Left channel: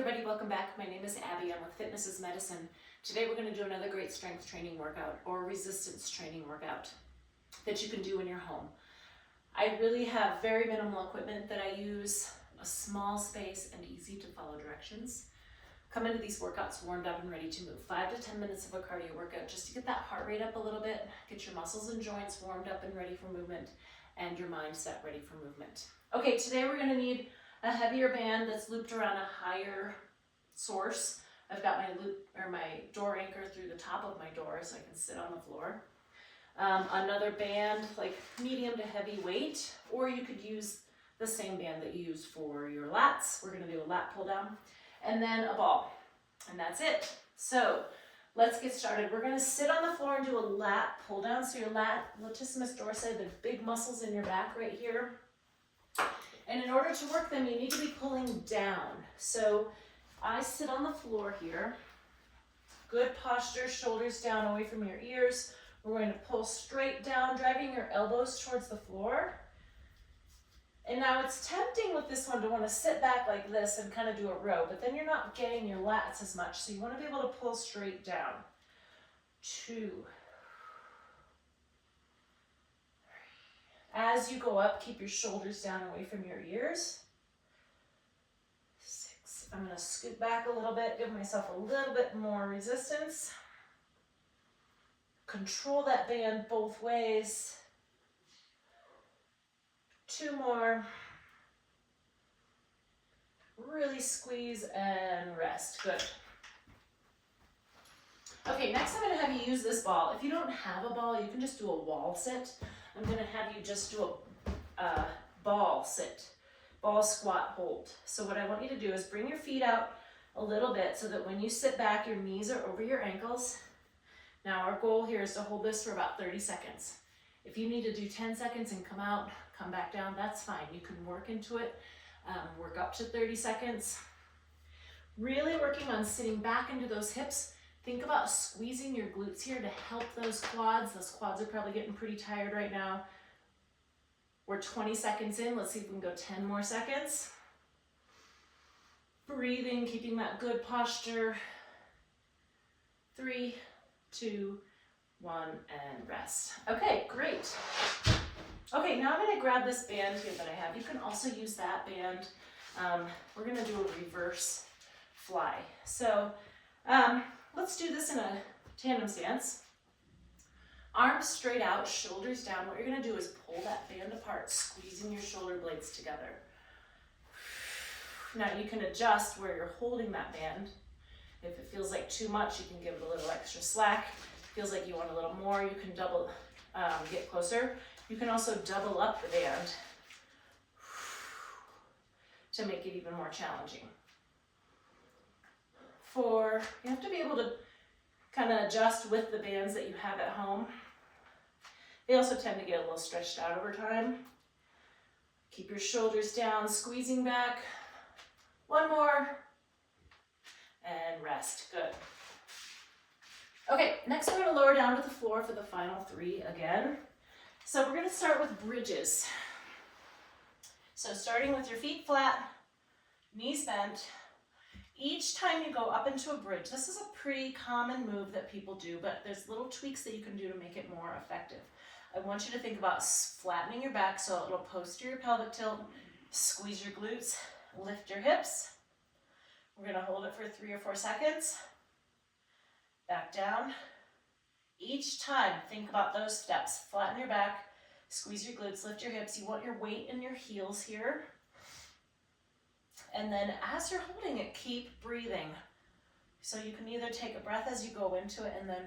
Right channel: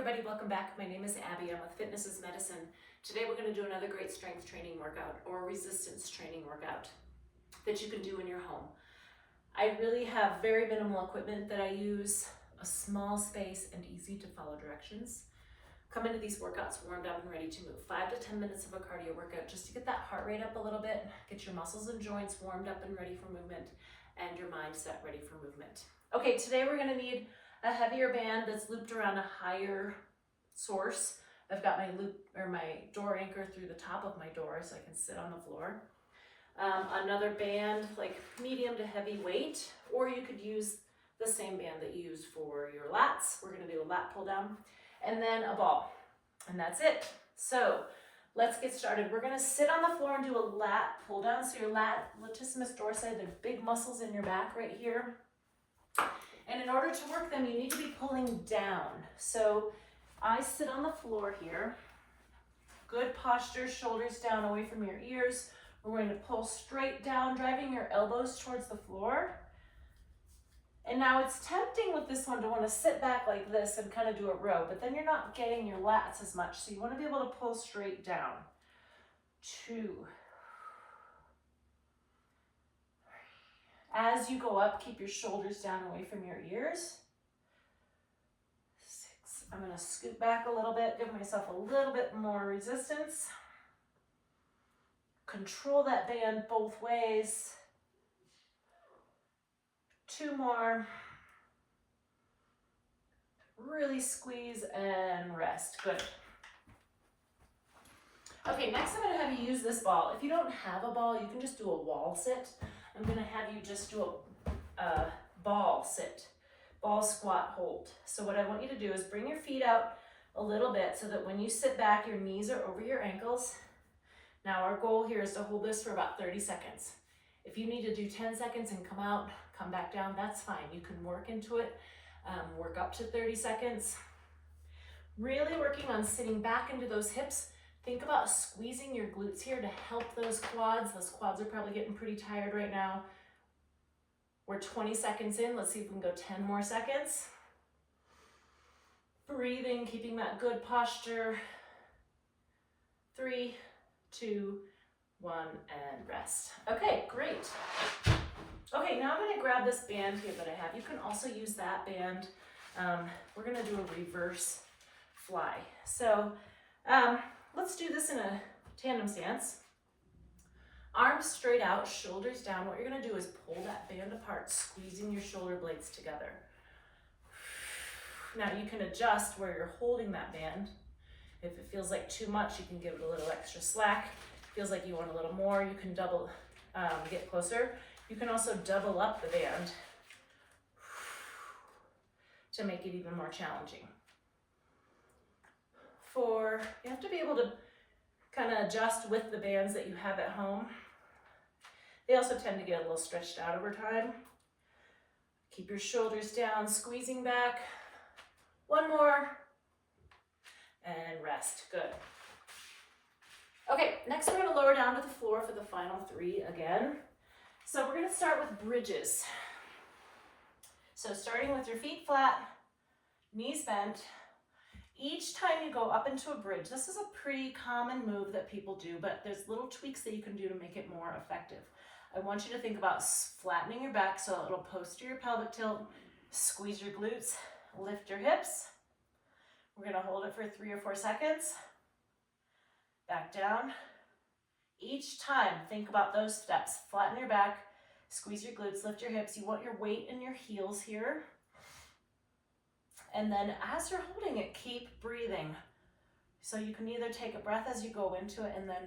everybody, welcome back. My name is Abby. I'm with Fitness is Medicine. Today we're going to do another great strength training workout or resistance training workout that you can do in your home. I really have very minimal equipment that I use, a small space and easy to follow directions. Come into these workouts warmed up and ready to move. 5 to 10 minutes of a cardio workout just to get that heart rate up a little bit, get your muscles and joints warmed up and ready for movement, and your mindset ready for movement. Okay, today we're going to need a heavier band that's looped around a higher source. I've got my door anchor through the top of my door so I can sit on the floor. Another band, like medium to heavy weight, or you could use the same band that you use for your lats. We're gonna do a lat pull down, and then a ball, and that's it. So let's get started. We're gonna sit on the floor and do a lat pull down. So your latissimus dorsi, the big muscles in your back right here. And in order to work them, you need to be pulling down. So I sit on the floor here. Good posture, shoulders down away from your ears. We're going to pull straight down, driving your elbows towards the floor. And now it's tempting with this one to want to sit back like this and kind of do a row, but then you're not getting your lats as much. So you want to be able to pull straight down. 2. As you go up, keep your shoulders down away from your ears. 6. I'm going to scoot back a little bit, give myself a little bit more resistance. Control that band both ways. 2 more. Really squeeze and rest. Good. Okay, next I'm going to have you use this ball. If you don't have a ball, you can just do a wall sit. I'm going to have you just do a ball sit, ball squat hold. So what I want you to do is bring your feet out a little bit so that when you sit back, your knees are over your ankles. Now our goal here is to hold this for about 30 seconds. If you need to do 10 seconds and come out, come back down, that's fine. You can work into it, work up to 30 seconds. Really working on sitting back into those hips. Think about squeezing your glutes here to help those quads. Those quads are probably getting pretty tired right now. We're 20 seconds in. Let's see if we can go 10 more seconds. Breathing, keeping that good posture. 3, 2, 1, and rest. Okay, great. Okay, now I'm going to grab this band here that I have. You can also use that band. We're going to do a reverse fly. So let's do this in a tandem stance. Arms straight out, shoulders down. What you're going to do is pull that band apart, squeezing your shoulder blades together. Now you can adjust where you're holding that band. If it feels like too much, you can give it a little extra slack. If it feels like you want a little more, you can double, get closer. You can also double up the band to make it even more challenging. 4, you have to be able to kind of adjust with the bands that you have at home. They also tend to get a little stretched out over time. Keep your shoulders down, squeezing back. 1 more, and rest. Good. Okay, next we're going to lower down to the floor for the final 3 again. So we're going to start with bridges. So starting with your feet flat, knees bent. Each time you go up into a bridge, this is a pretty common move that people do, but there's little tweaks that you can do to make it more effective. I want you to think about flattening your back so it'll posterior pelvic tilt, squeeze your glutes, lift your hips. We're going to hold it for 3 or 4 seconds. Back down. Each time, think about those steps. Flatten your back, squeeze your glutes, lift your hips. You want your weight in your heels here. And then as you're holding it, keep breathing. So you can either take a breath as you go into it and then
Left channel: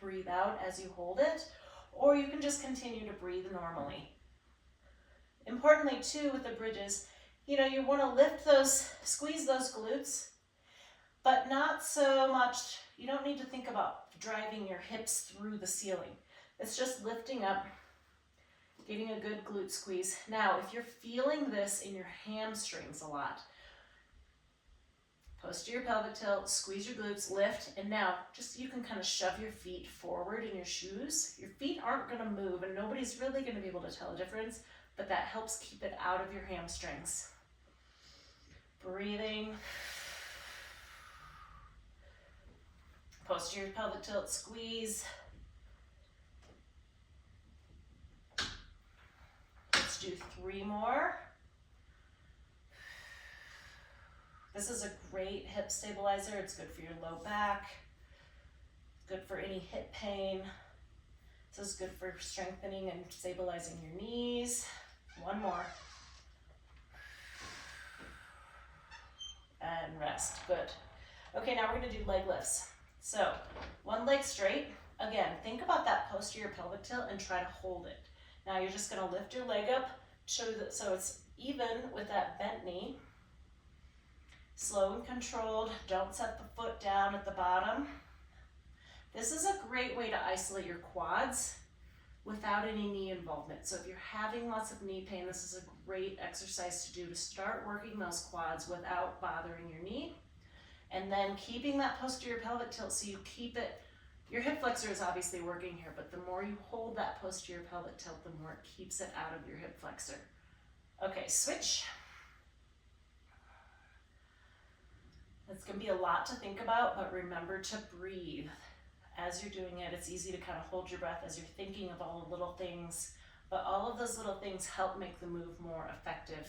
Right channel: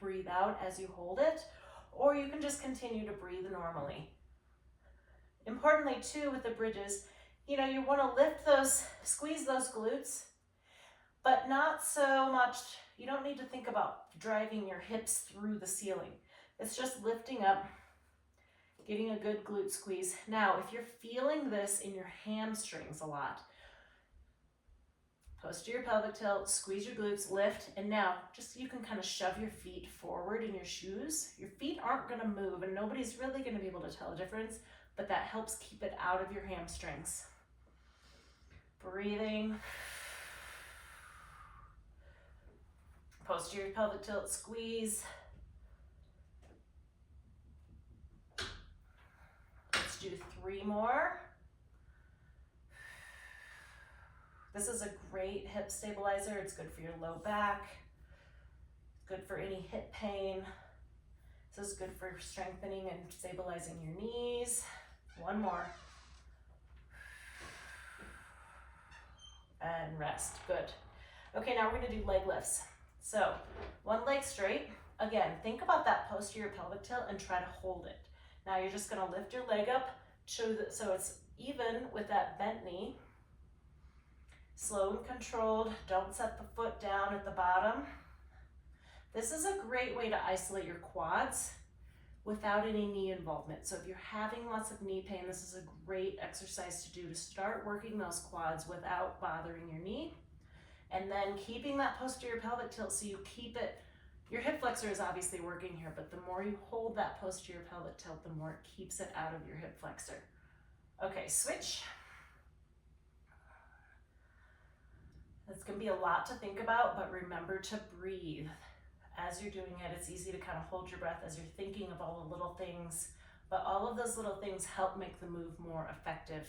breathe out as you hold it, or you can just continue to breathe normally. Importantly too with the bridges, you want to lift those, squeeze those glutes, but not so much, you don't need to think about driving your hips through the ceiling. It's just lifting up, getting a good glute squeeze. Now, if you're feeling this in your hamstrings a lot, posterior pelvic tilt, squeeze your glutes, lift, and now just you can kind of shove your feet forward in your shoes. Your feet aren't going to move, and nobody's really going to be able to tell a difference, but that helps keep it out of your hamstrings. breathing. Posterior pelvic tilt, squeeze. Let's do 3 more. This is a great hip stabilizer. It's good for your low back, good for any hip pain. This is good for strengthening and stabilizing your knees. 1 more. And rest, good. Okay, now we're gonna do leg lifts. So, 1 leg straight. Again, think about that posterior pelvic tilt and try to hold it. Now you're just gonna lift your leg up so it's even with that bent knee. Slow and controlled, don't set the foot down at the bottom. This is a great way to isolate your quads without any knee involvement. So if you're having lots of knee pain, this is a great exercise to do to start working those quads without bothering your knee. And then keeping that posterior pelvic tilt so you keep it, your hip flexor is obviously working here, but the more you hold that posterior pelvic tilt, the more it keeps it out of your hip flexor. Okay, switch. It's gonna be a lot to think about, but remember to breathe. As you're doing it, it's easy to kind of hold your breath as you're thinking of all the little things, but all of those little things help make the move more effective.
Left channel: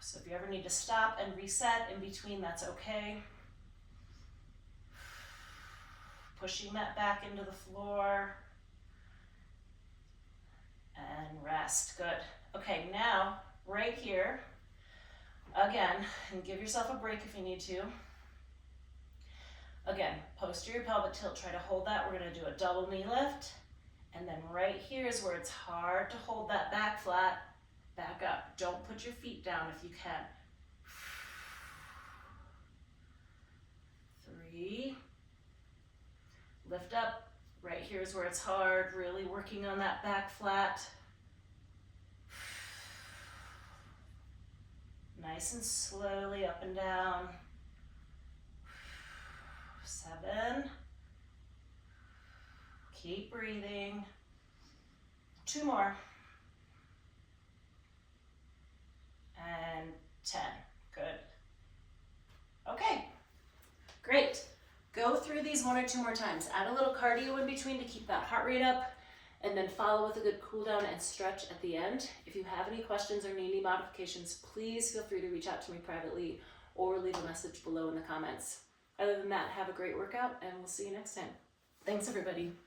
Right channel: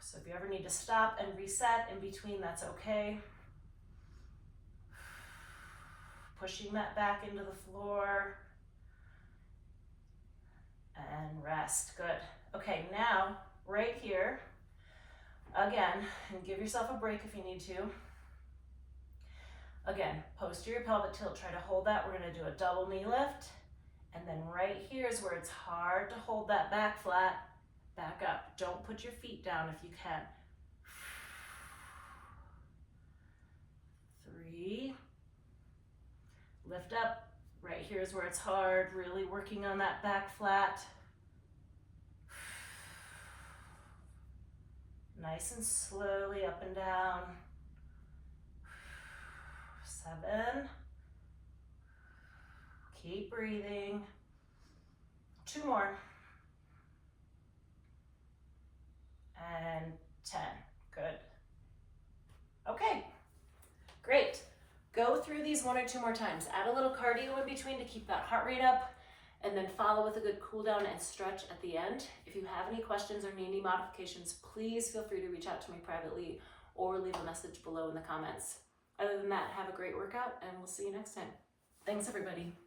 So if you ever need to stop and reset in between, that's okay. Pushing that back into the floor. And rest, good. Okay, now, right here, again, and give yourself a break if you need to. Again, posterior pelvic tilt, try to hold that. We're gonna do a double knee lift. And then right here is where it's hard to hold that back flat. Back up. Don't put your feet down if you can. 3. Lift up. Right here is where it's hard. Really working on that back flat. Nice and slowly up and down. 7. Keep breathing. 2 more. And 10. Good. Okay, great. Go through these 1 or 2 more times. Add a little cardio in between to keep that heart rate up, and then follow with a good cool down and stretch at the end. If you have any questions or need any modifications, please feel free to reach out to me privately or leave a message below in the comments. Other than that, have a great workout, and we'll see you next time. Thanks, everybody.